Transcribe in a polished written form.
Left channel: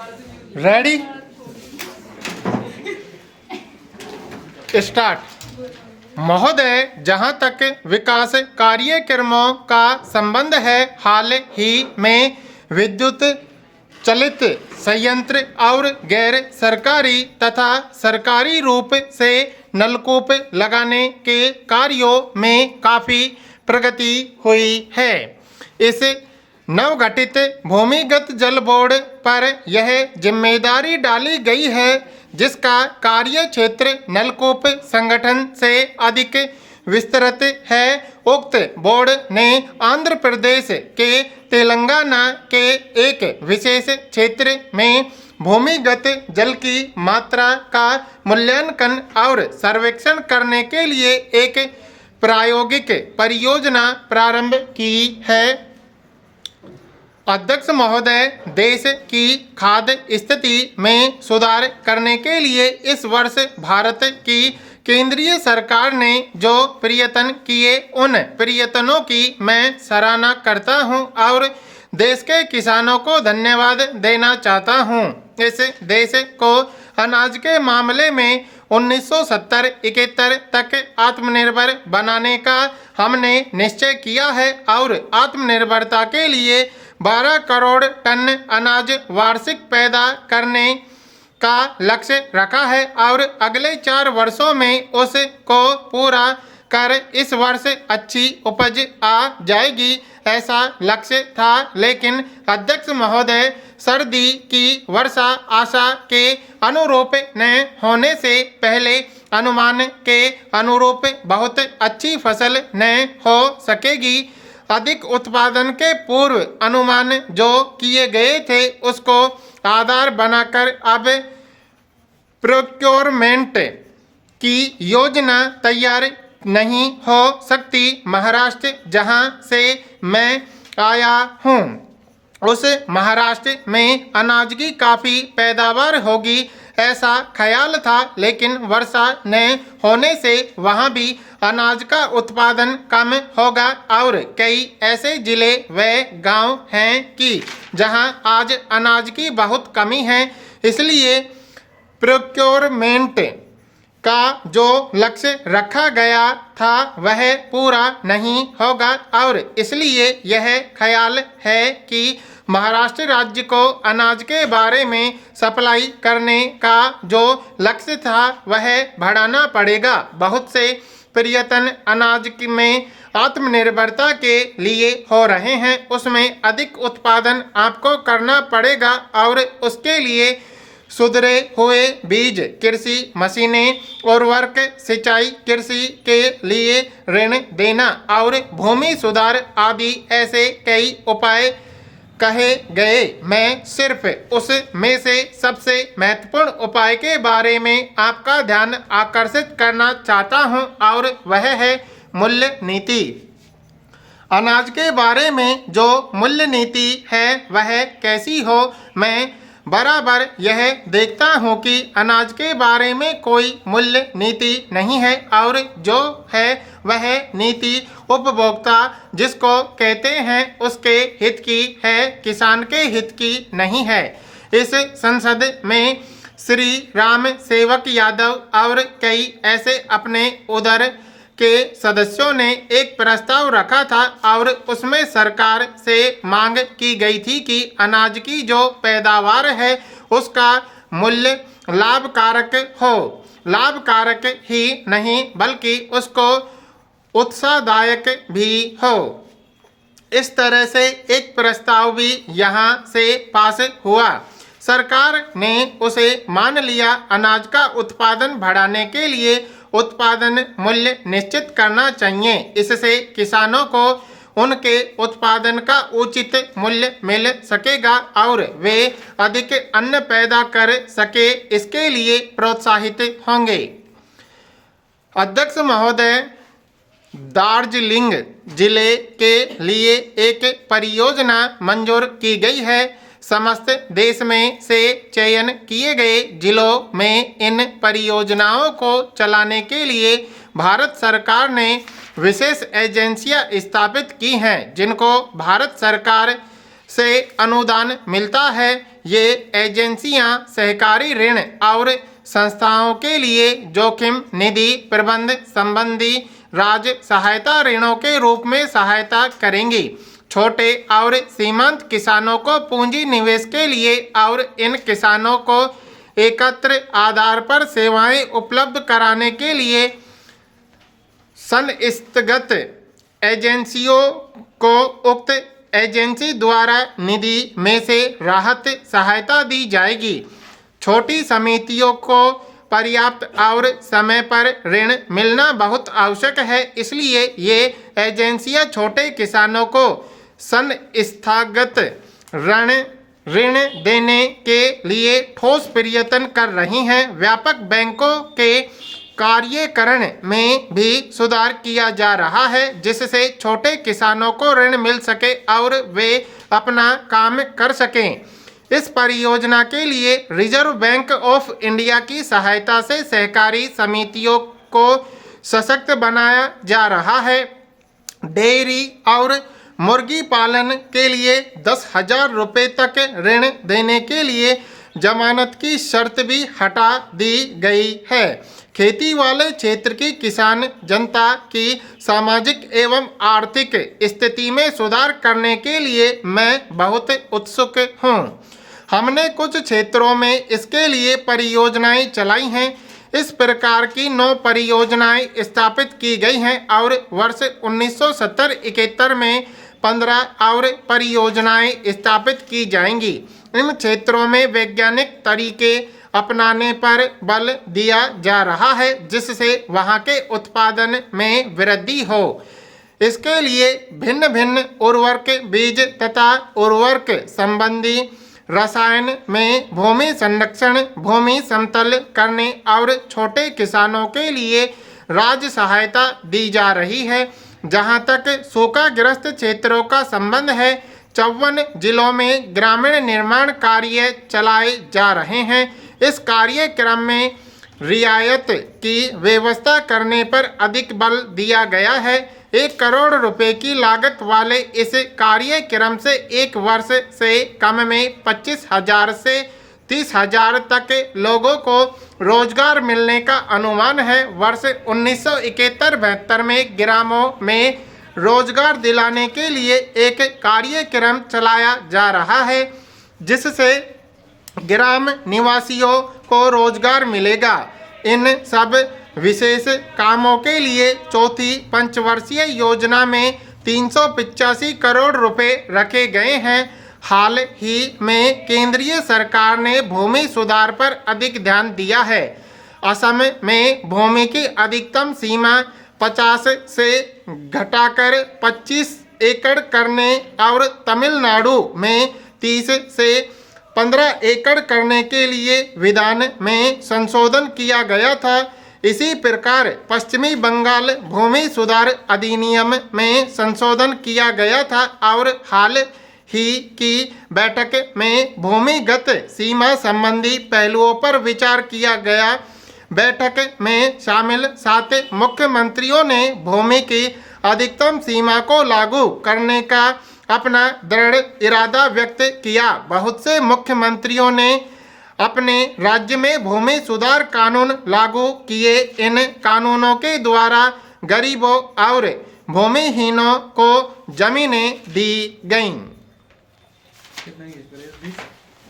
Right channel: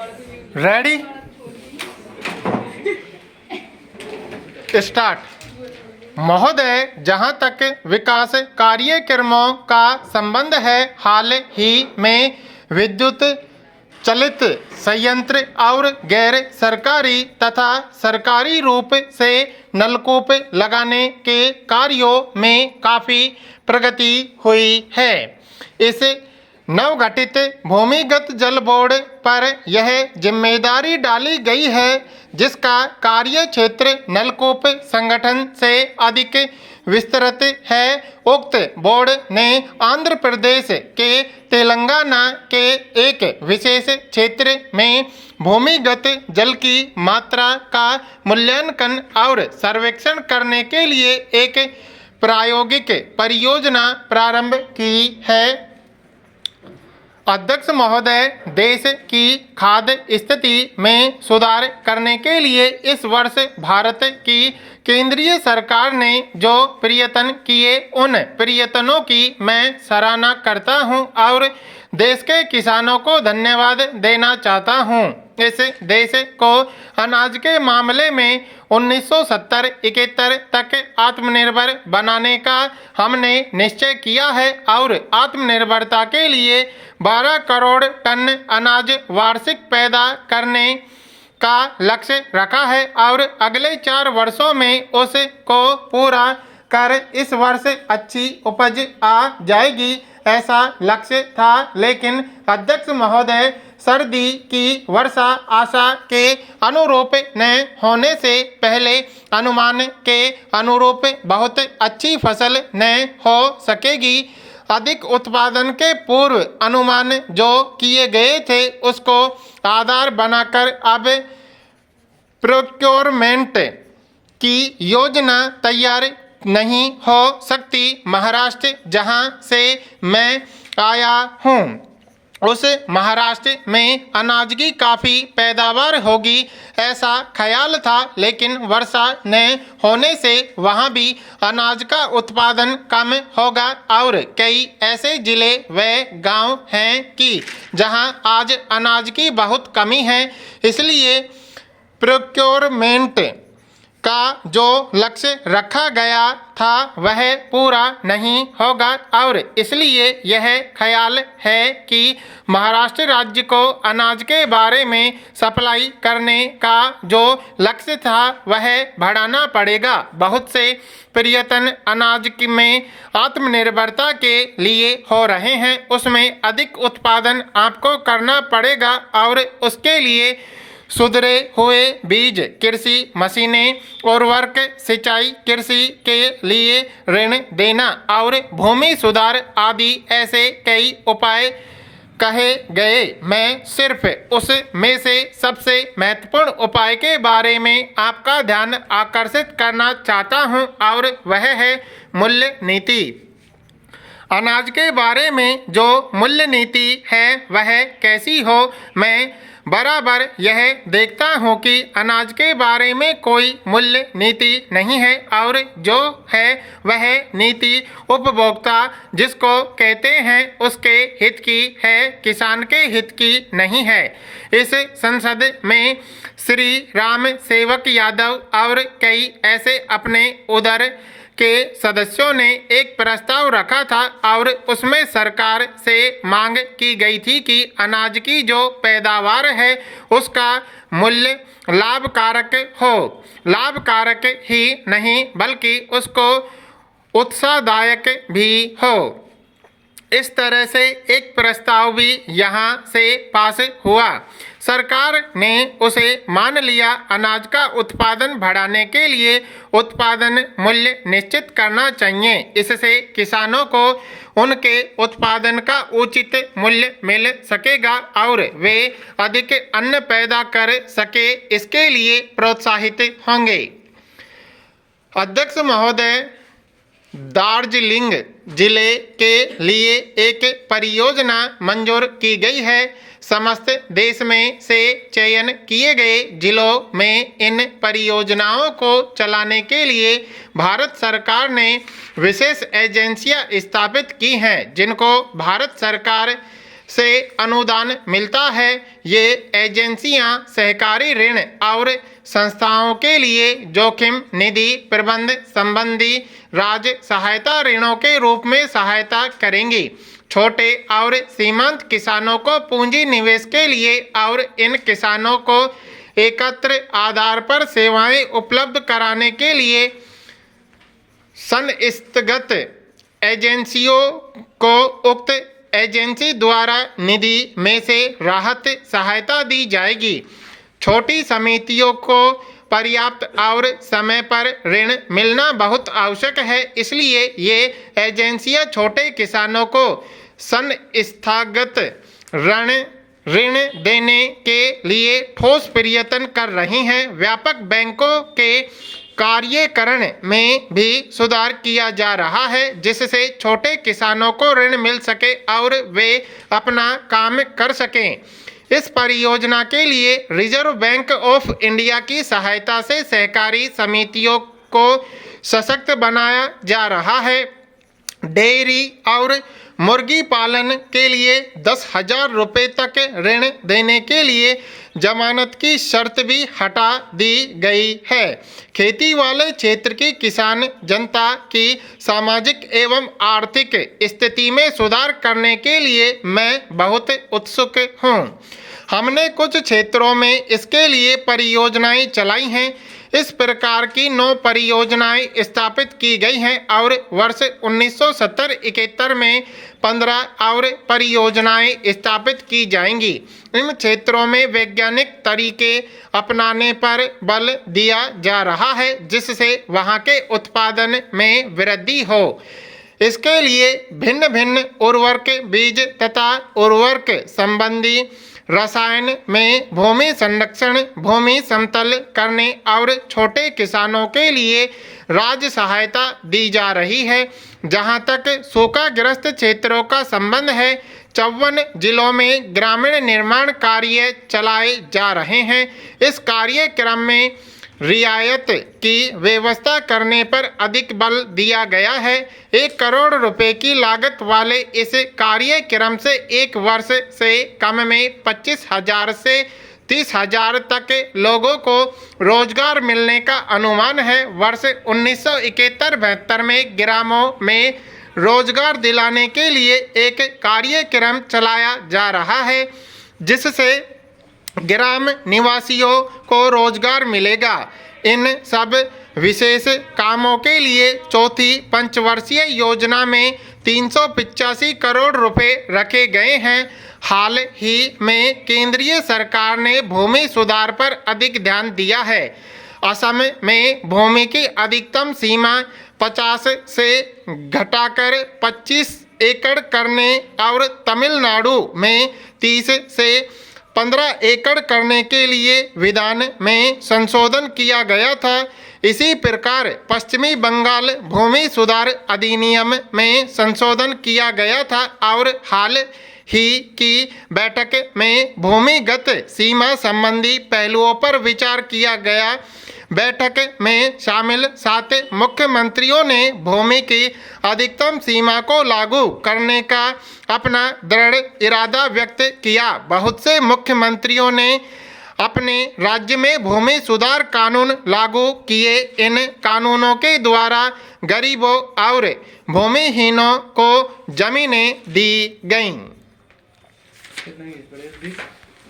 Ready start. महोदय, जहां तक विकास कार्यक्रमों का संबंध है, हाल ही में विद्युत चलित संयंत्र और गैर सरकारी तथा सरकारी रूप से नलकूप लगाने के कार्यों में काफ़ी प्रगति हुई है। इस नवगठित भूमिगत जल बोर्ड पर यह जिम्मेदारी डाली गई है, जिसका कार्य क्षेत्र नलकूप संगठन से अधिक विस्तृत है। उक्त बोर्ड ने आंध्र प्रदेश के तेलंगाना के एक विशेष क्षेत्र में भूमिगत जल की मात्रा का मूल्यांकन और सर्वेक्षण करने के लिए एक प्रायोगिक परियोजना प्रारंभ की है। अध्यक्ष महोदय, देश की खाद्य स्थिति में सुधार करने के लिए इस वर्ष भारत की केंद्रीय सरकार ने जो प्रयत्न किए, उन प्रयत्नों की मैं सराहना करता हूं और देश के किसानों को धन्यवाद देना चाहता हूं। इस देश को अनाज के मामले में 1970-71 तक आत्मनिर्भर बनाने का हमने निश्चय किया है और आत्मनिर्भरता के लिए 12 करोड़ टन अनाज वार्षिक पैदा करने का लक्ष्य रखा है और अगले 4 वर्षों में उसको पूरा कर इस वर्ष अच्छी उपज आ जाएगी, ऐसा लक्ष्य था। लेकिन अध्यक्ष महोदय, सर्दी की वर्षा आशा के अनुरूप न होने से पहले अनुमान के अनुरूप बहुत अच्छी फसल न हो सकेगी। अधिक उत्पादन के पूर्व अनुमान जो किए गए थे, उसको आधार बनाकर अब प्रोक्योरमेंट की योजना तैयार नहीं हो सकती। महाराष्ट्र, जहां से मैं आया हूं, उस महाराष्ट्र में अनाज की काफ़ी पैदावार होगी ऐसा ख्याल था, लेकिन वर्षा न होने से वहां भी अनाज का उत्पादन कम होगा और कई ऐसे जिले व गांव हैं कि जहां आज अनाज की बहुत कमी है। इसलिए प्रोक्योरमेंट का जो लक्ष्य रखा गया था वह पूरा नहीं होगा और इसलिए यह ख्याल है कि महाराष्ट्र राज्य को अनाज के बारे में सप्लाई करने का जो लक्ष्य था वह बढ़ाना पड़ेगा। बहुत से प्रयत्न अनाज में आत्मनिर्भरता के लिए हो रहे हैं, उसमें अधिक उत्पादन आपको करना पड़ेगा और उसके लिए सुधरे हुए बीज, कृषि मशीनें, उर्वरक, सिंचाई, कृषि के लिए ऋण देना और भूमि सुधार आदि ऐसे कई उपाय कहे गए। मैं सिर्फ उस में से सबसे महत्वपूर्ण उपाय के बारे में आपका ध्यान आकर्षित करना चाहता हूं और वह है मूल्य नीति। अनाज के बारे में जो मूल्य नीति है वह कैसी हो? मैं बराबर यह देखता हूँ कि अनाज के बारे में कोई मूल्य नीति नहीं है और जो है वह नीति उपभोक्ता जिसको कहते हैं उसके हित की है, किसान के हित की नहीं है। इस संसद में श्री राम सेवक यादव और कई ऐसे अपने उधर के सदस्यों ने एक प्रस्ताव रखा था और उसमें सरकार से मांग की गई थी कि अनाज की जो पैदावार है उसका मूल्य लाभकारक हो। लाभकारक ही नहीं बल्कि उसको उत्साहदायक भी हो। इस तरह से एक प्रस्ताव भी यहाँ से पास हुआ। सरकार ने उसे मान लिया। अनाज का उत्पादन बढ़ाने के लिए उत्पादन मूल्य निश्चित करना चाहिए। इससे किसानों को उनके उत्पादन का उचित मूल्य मिल सकेगा और वे अधिक अन्न पैदा कर सके, इसके लिए प्रोत्साहित होंगे। अध्यक्ष महोदय, दार्जिलिंग जिले के लिए एक परियोजना मंजूर की गई है। समस्त देश में से चयन किए गए जिलों में इन परियोजनाओं को चलाने के लिए भारत सरकार ने विशेष एजेंसियां स्थापित की हैं, जिनको भारत सरकार से अनुदान मिलता है। ये एजेंसियां सहकारी ऋण और संस्थाओं के लिए जोखिम निधि प्रबंध संबंधी राज्य सहायता ऋणों के रूप में सहायता करेंगी। छोटे और सीमांत किसानों को पूंजी निवेश के लिए और इन किसानों को एकत्र आधार पर सेवाएं उपलब्ध कराने के लिए संस्थागत एजेंसियों को उक्त एजेंसी द्वारा निधि में से राहत सहायता दी जाएगी। छोटी समितियों को पर्याप्त और समय पर ऋण मिलना बहुत आवश्यक है, इसलिए ये एजेंसियां छोटे किसानों को संस्थागत ऋण देने के लिए ठोस प्रयत्न कर रही हैं। व्यापक बैंकों के कार्यकरण में भी सुधार किया जा रहा है, जिससे छोटे किसानों को ऋण मिल सके और वे अपना काम कर सकें। इस परियोजना के लिए रिजर्व बैंक ऑफ इंडिया की सहायता से सहकारी समितियों को सशक्त बनाया जा रहा है। डेयरी और मुर्गी पालन के लिए 10,000 रुपये तक ऋण देने के लिए जमानत की शर्त भी हटा दी गई है। खेती वाले क्षेत्र की किसान जनता की सामाजिक एवं आर्थिक स्थिति में सुधार करने के लिए मैं बहुत उत्सुक हूँ। हमने कुछ क्षेत्रों में इसके लिए परियोजनाएं चलाई हैं। इस प्रकार की 9 परियोजनाएं स्थापित की गई हैं और वर्ष 1970-71 में 15 और परियोजनाएं स्थापित की जाएंगी। इन क्षेत्रों में वैज्ञानिक तरीके अपनाने पर बल दिया जा रहा है, जिससे वहां के उत्पादन में वृद्धि हो। इसके लिए भिन्न भिन्न उर्वरक बीज तथा उर्वरक संबंधी रसायन में भूमि संरक्षण, भूमि समतल करने और छोटे किसानों के लिए राज्य सहायता दी जा रही है। जहां तक सूखाग्रस्त क्षेत्रों का संबंध है, 54 जिलों में ग्रामीण निर्माण कार्य चलाए जा रहे हैं। इस कार्यक्रम में रियायत की व्यवस्था करने पर अधिक बल दिया गया है। 1 करोड़ रुपए की लागत वाले इस कार्यक्रम से एक वर्ष से कम में 25,000 से 30,000 तक लोगों को रोजगार मिलने का अनुमान है। वर्ष 1971-72 में ग्रामों में रोजगार दिलाने के लिए एक कार्यक्रम चलाया जा रहा है, जिससे ग्राम निवासियों को रोजगार मिलेगा। इन सब विशेष कामों के लिए चौथी पंचवर्षीय योजना में 385 करोड़ रुपए रखे गए हैं। हाल ही में केंद्रीय सरकार ने भूमि सुधार पर अधिक ध्यान दिया है। असम में भूमि की अधिकतम सीमा 50 से घटाकर 25 एकड़ करने और तमिलनाडु में 30 से 15 एकड़ करने के लिए विधान में संशोधन किया गया था। इसी प्रकार पश्चिमी बंगाल भूमि सुधार अधिनियम में संशोधन किया गया था और हाल ही की बैठक में भूमिगत सीमा संबंधी पहलुओं पर विचार किया गया। बैठक में शामिल 7 मुख्यमंत्रियों ने भूमि की अधिकतम सीमा को लागू करने का अपना दृढ़ इरादा व्यक्त किया। बहुत से मुख्यमंत्रियों ने अपने राज्य में भूमि सुधार कानून लागू किए। इन कानूनों के द्वारा गरीबों और भूमिहीनों को जमीनें दी गईं।